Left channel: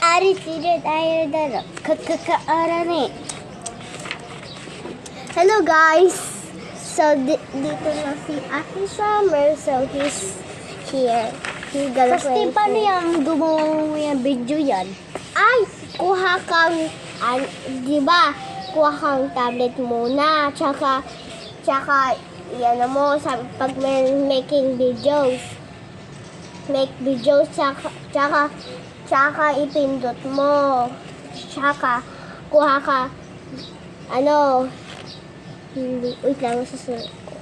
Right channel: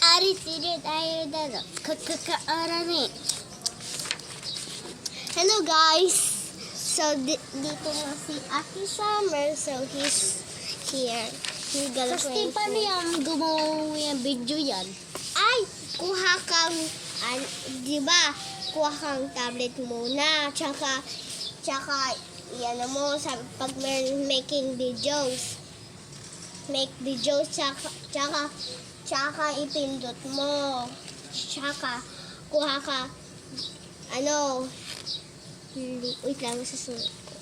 Ari tired tayo daro. Kakaarani. Hello guys. So dito na si Ate Summer. So he's here. He's gonna play. Kasi paano yung gumawa mo yung video yan? Ay, kuha kang, di ba? Kuha kang tablet muna. Tsaka, yan mo, pag making videos. Make videos, tsaka ipindot mo. Tsaka, kuha ka, wait lang, susunod ko.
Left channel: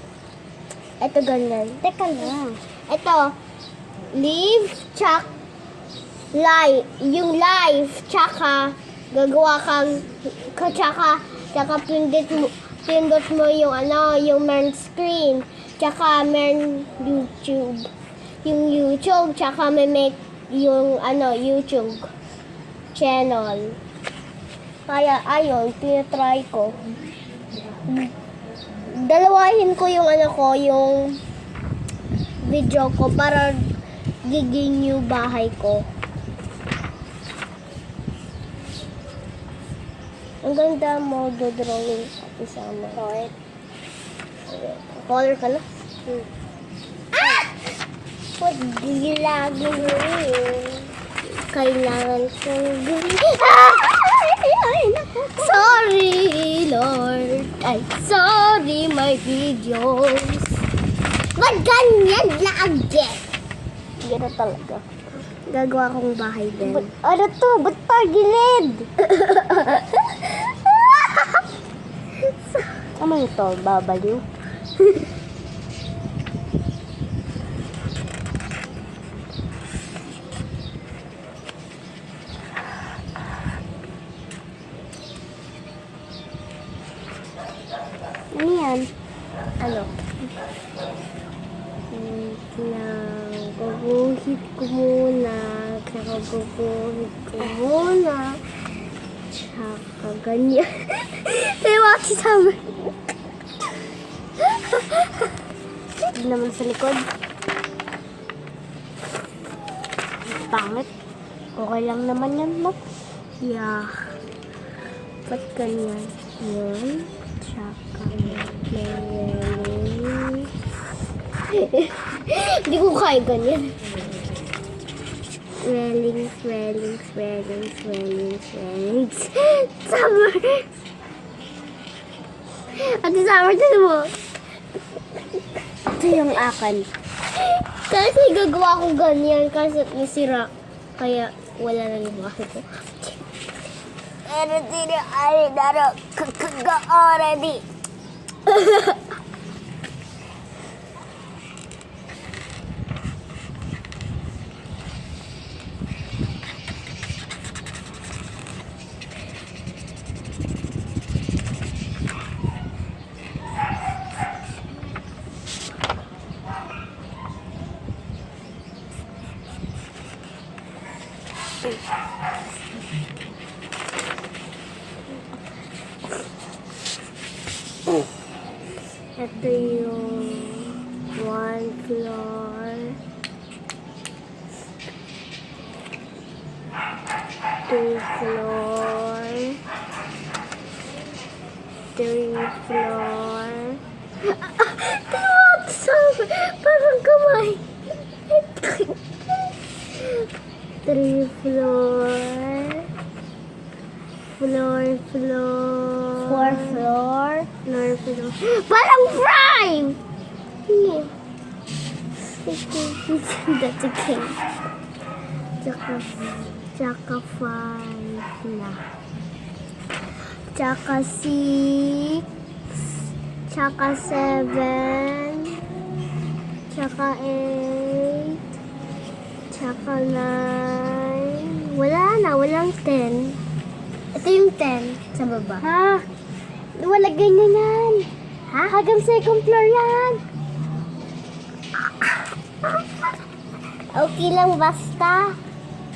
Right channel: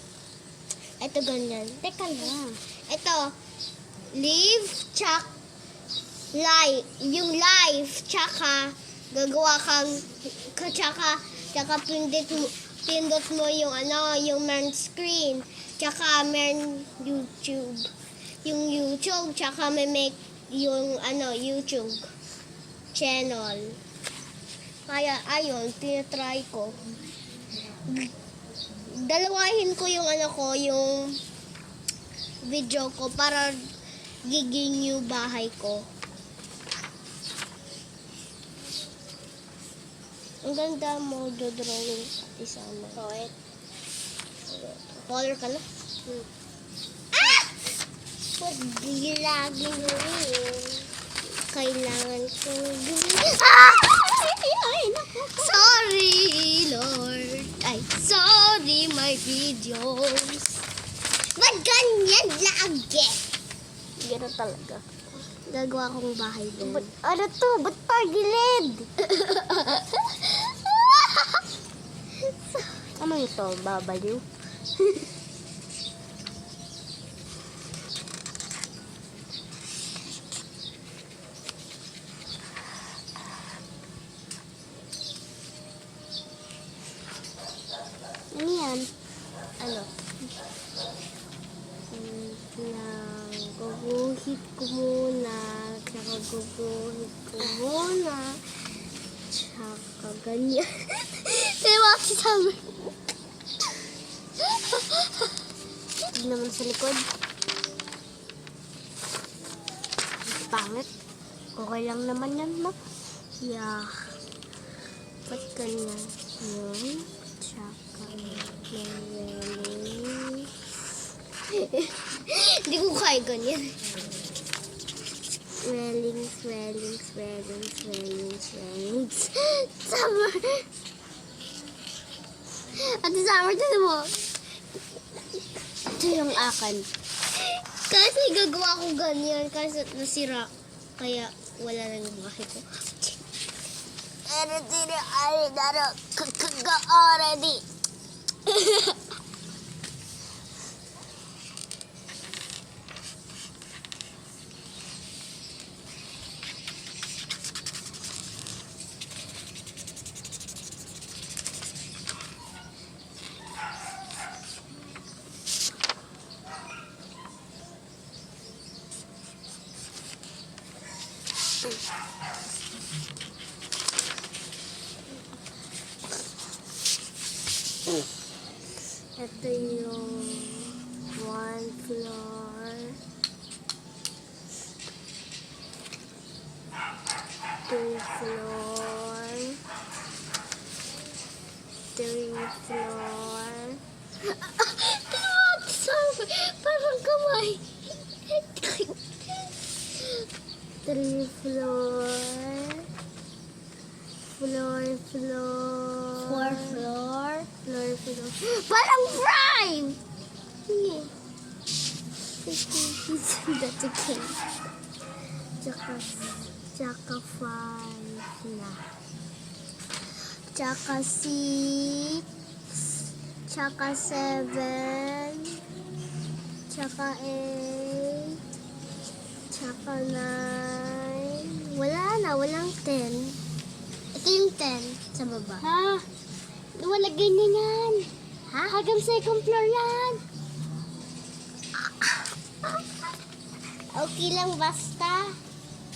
Ito ganyan. Teka lang. Ito, live, yung live, tsaka, gagawa kang, tsaka pindot mo yung yung main screen, tsaka main YouTube. Yung YouTube, tsaka may make yung YouTube channel. Kaya ayun, tinatry ko. Dalawahin ko yung yung video ko para giging yung bahay ko. Ang ganda mo drawing Ate Summer. Color ka na? Pag lagi mo kailangan kong gawin. Sorry, Lord. Ay, sorry, my videos. Ba't ganyan lagi? Gano'n talaga. Gagawa kong bahay din. Ano to? Ba't pagilid? Ano ito? Babaliw? Ano yan? Ano? Guguhit ko muna. Tsaka ganyan. Sayo ako si Summer. Hindi naman sa likod. Pangit. Okay lang naman yan, no? Yeah. Ba't ganyan? Yun. Tsaka ganyan. Hindi ko kaya ganyan. Swellings. Summer! Ate Summer, tinan mo. Ito yung akin. Kasi gagawa ko ganyan kasi nasira. Kaya wala na yung bahay ko. Already. Ito yung 1 floor, 2 floor, 3 floor. Parang kamay. 3 floor. 4 floor. Parang prime! Yeah. That's okay. Tsaka 5 na. Tsaka 6. Tsaka 7. Tsaka 8. Tsaka 9. Wala na, walang 10. Ito yung 10 sa baba. Ha? Wala ganyan yan. Ha? Hanggang second floor yan. Okay lang basta.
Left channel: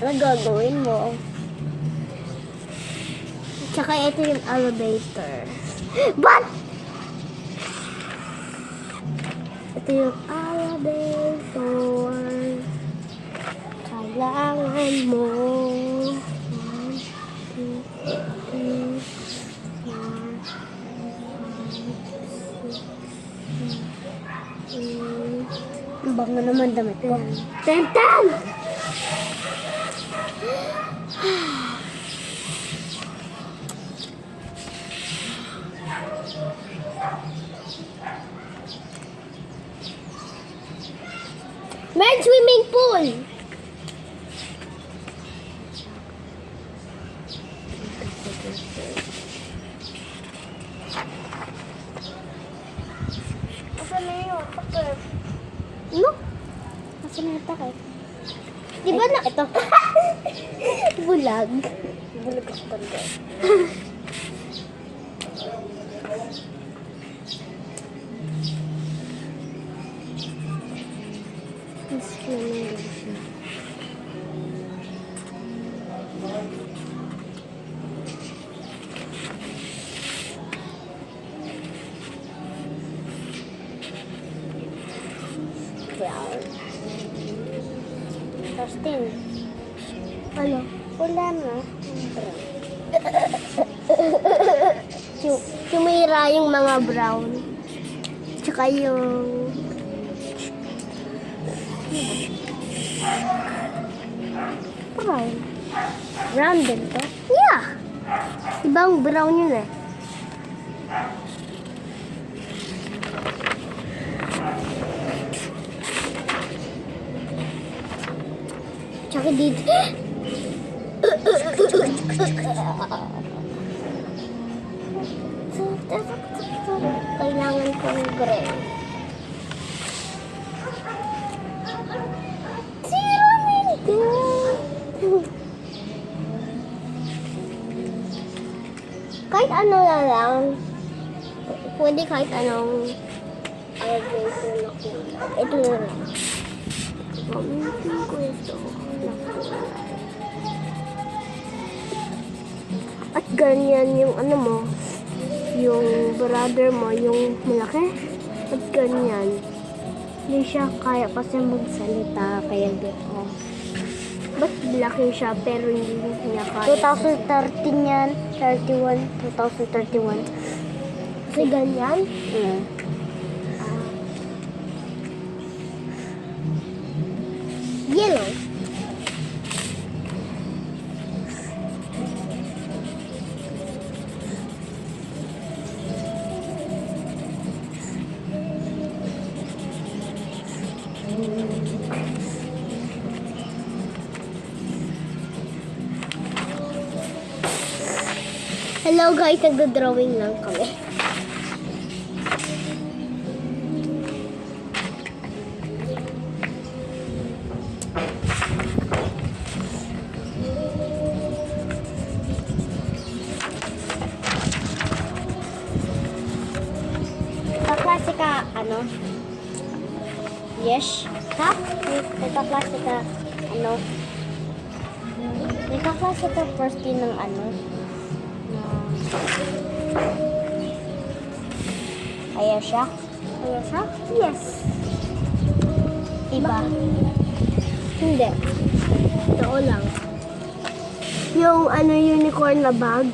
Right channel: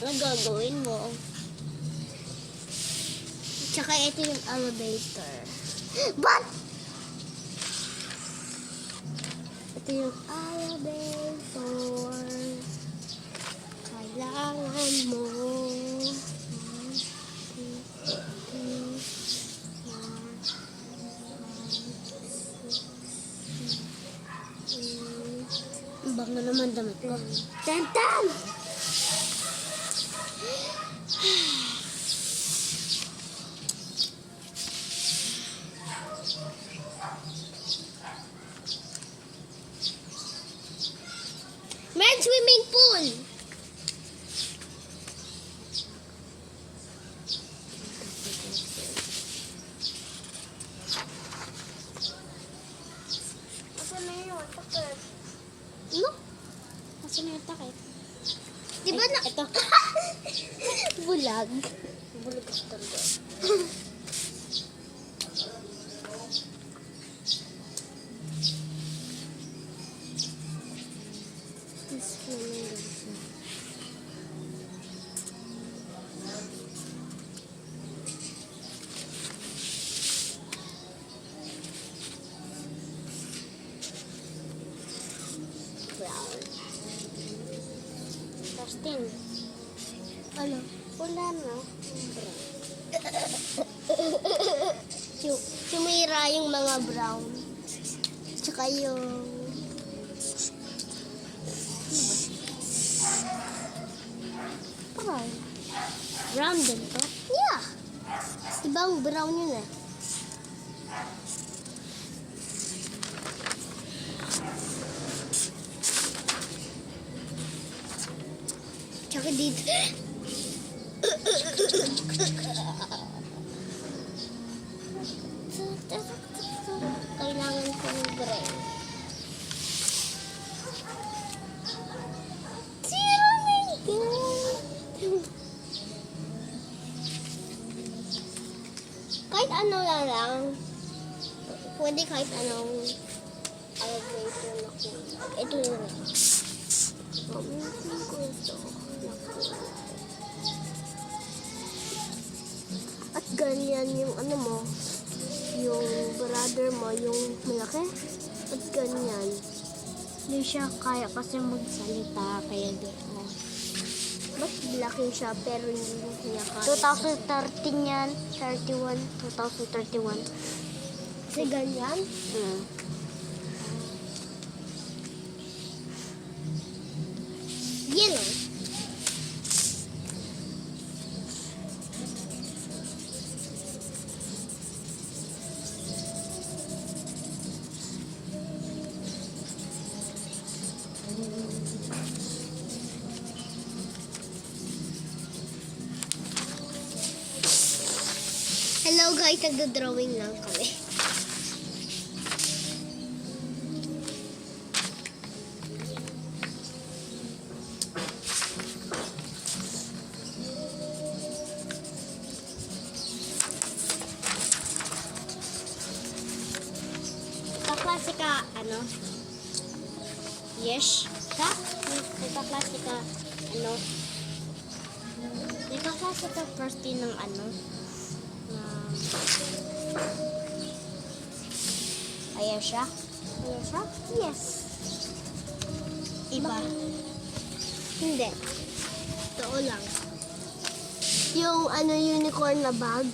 Ano gagawin mo? Tsaka ito yung elevator. But! Ito yung elevator. Kailangan mo Ano naman damit ko? Ten! Men's swimming pool! Asan na yung takip? Ano? Asan na yung takip? Di ba na... Ito. Bulag. Bulag ako talaga. Brown. Justin. Ano? Wala na. Sumira yung mga brown. Tsaka yung... Brown. Brown din to? Yeah. Ibang brown yun eh. Tsaka dito. Kailangan ko ng gray. Kahit ano na lang. Pwede kahit anong elevator na kulay. Ito na lang. Pamitin ko ito. At ganyan yung ano mo, yung brother mo, yung malaki. At ganyan. Hindi siya kaya kasi magsalita, kaya dito. Ba't laki siya pero hindi niya kaya? 2013 yan. 2031. Kasi ganyan? Yellow. Hello guys, nagdo-drawing lang kami. Kaklase ka, ano? Yes? Ha? Kaklase ka, ano? Kaklase ka first year ng ano? Ayaw siya? Ayaw siya? Yes. Iba? Hindi. Totoo lang. Yung ano unicorn na bag.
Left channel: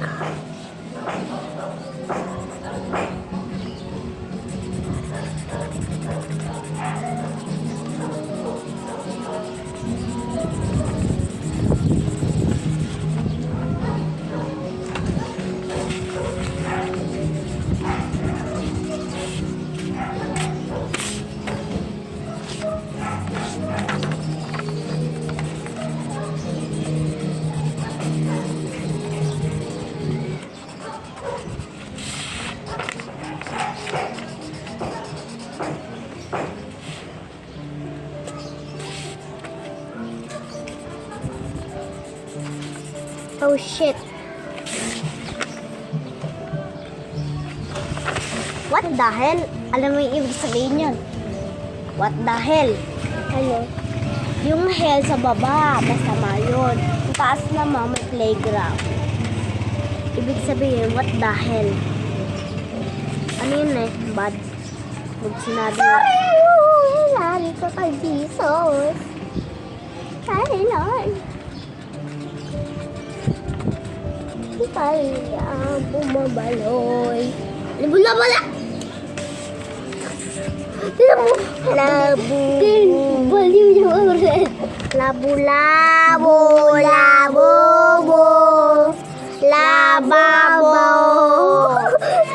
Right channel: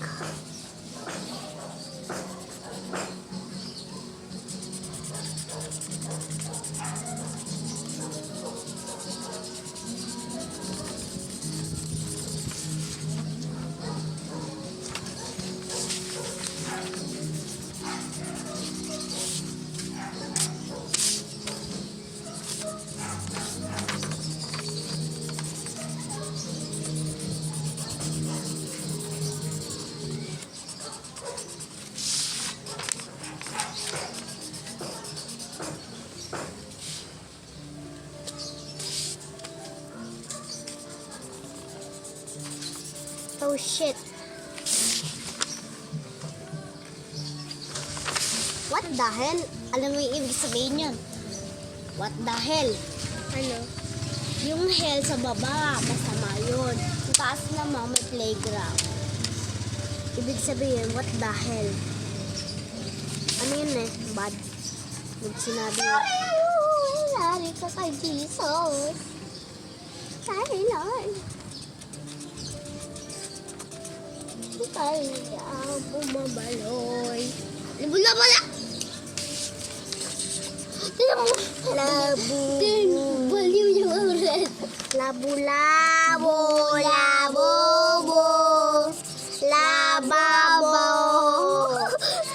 Oh shit. What the hell? Alam mo yung ibig sabihin yun? What the hell? Ano? Yung hell sa baba, masama yun. Sa taas naman may playground. Ibig sabihin, what the hell? Ano yun eh? Bad. Pag sinabi yun. Sorry ka kay Jesus. Sorry Lord. Kaya bumabaloy. Bula-bula! Tignan mo! Labo! red. Labo-labo, labobo, lababo,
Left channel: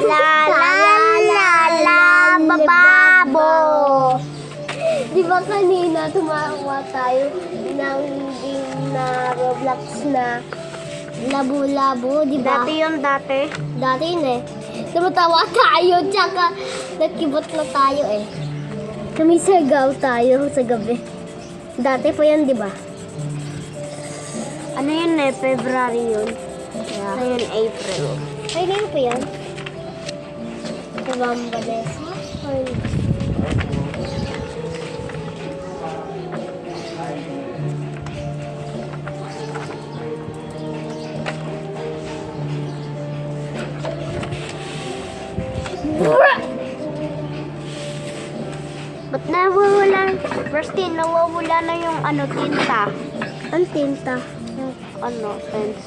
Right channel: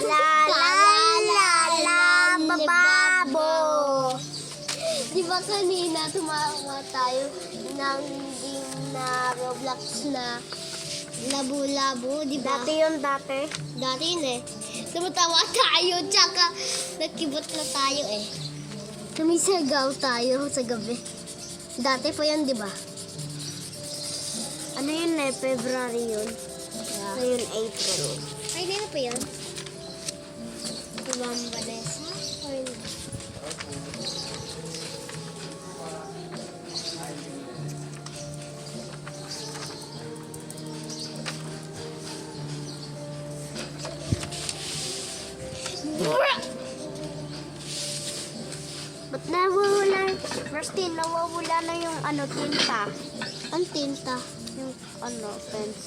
lababo. Di ba kanina tumawa tayo ng na Roblox na labo-labo, di ba? Dati yun, dati. Dati yun eh. Tumatawa tayo, tsaka nagkibot na tayo eh. Kami sagaw tayo sa gabi. Dati po yun, di ba? Ano yun eh, February yun. Yeah. Ngayon, April. Ay, ngayon po yan. Kabambalesa? Ay, Ba't nawawala? First thing, nawawala na yung ano, tinta. ang tinta. Yung ano, pens.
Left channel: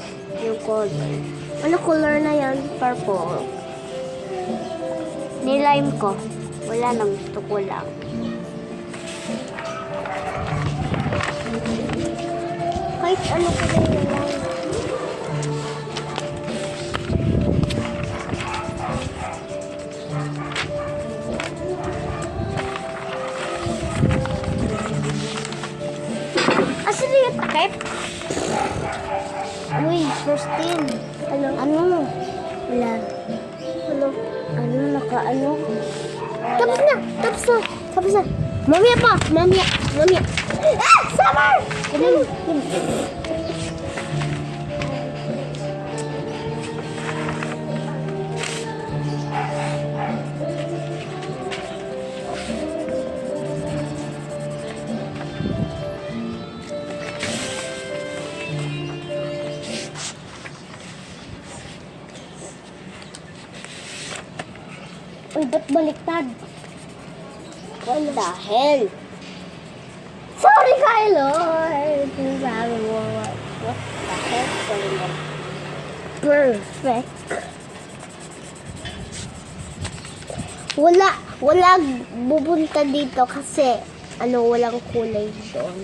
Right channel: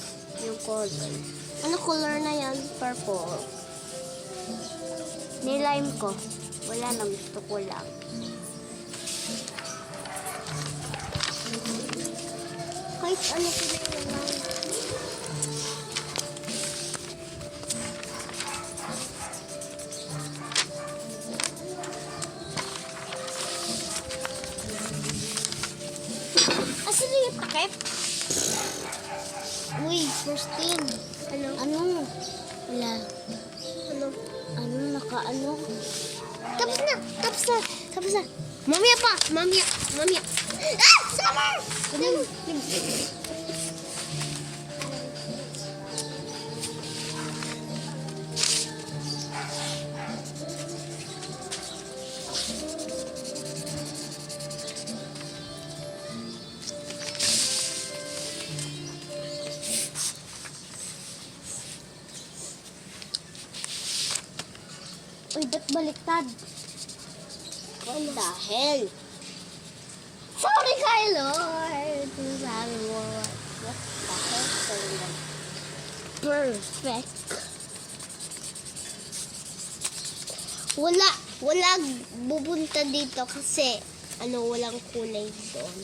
Yung color. Ano color na yan? Purple. Nilime ko. Wala nang gusto ko lang. Kahit ano ko na yun lang. Asan yung takip? Uy, Christine. Ano? Ano? Wala. Ano? Ano, naka-ano? Tapos na! Tapos na! Tapos na! Mamaya pa! Mamaya! Mamaya! Ah! Summer! Ganun. Uy, ba't baliktad? What the hell? Sorry, Kylo! Sabi mo. What the hell? Sorry mo. Perfect. Wala bubunta dito kasi walang kulay doon.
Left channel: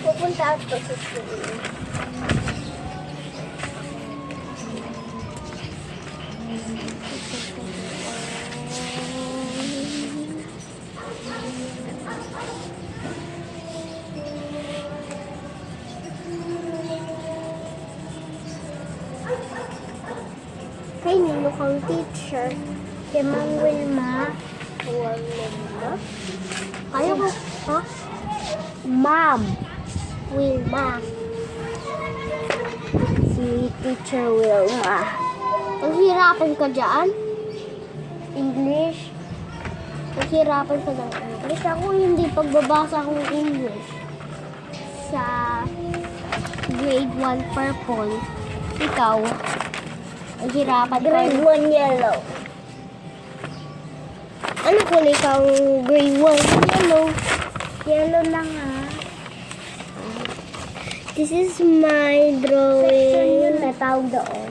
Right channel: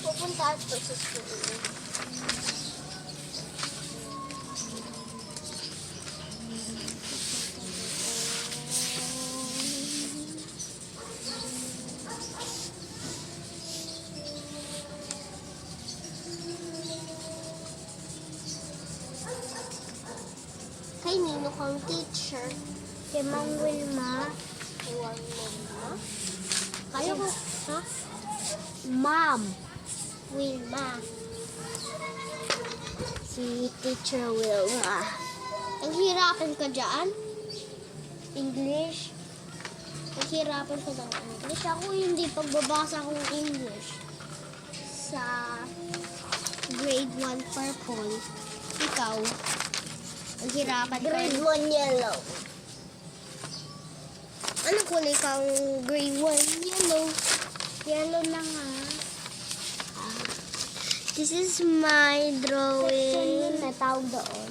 Pupunta ako sa school. Kay Nino kang teacher. Kay Ma'am Wilma. Wilma? Ayaw ko. Ha? Ma'am. Wilma. Si Teacher Wilma. Naghirapan ka dyan? English. Naghirapan ka ng English? Ako hindi pagbabasa ng English. Sa grade 1 purple. Ikaw, naghirapan ka. Grade 1 yellow. Ano kulay kang grade 1? Yellow. Yellow lang ah. This is my Section drawing. yun na tawag doon.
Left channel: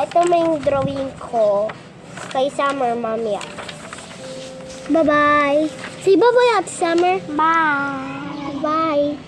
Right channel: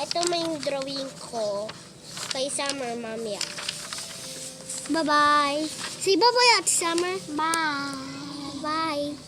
Ito may drawing ko kay Summer, mamaya. Bye-bye. Say bye-bye at Summer. Bye. Bye.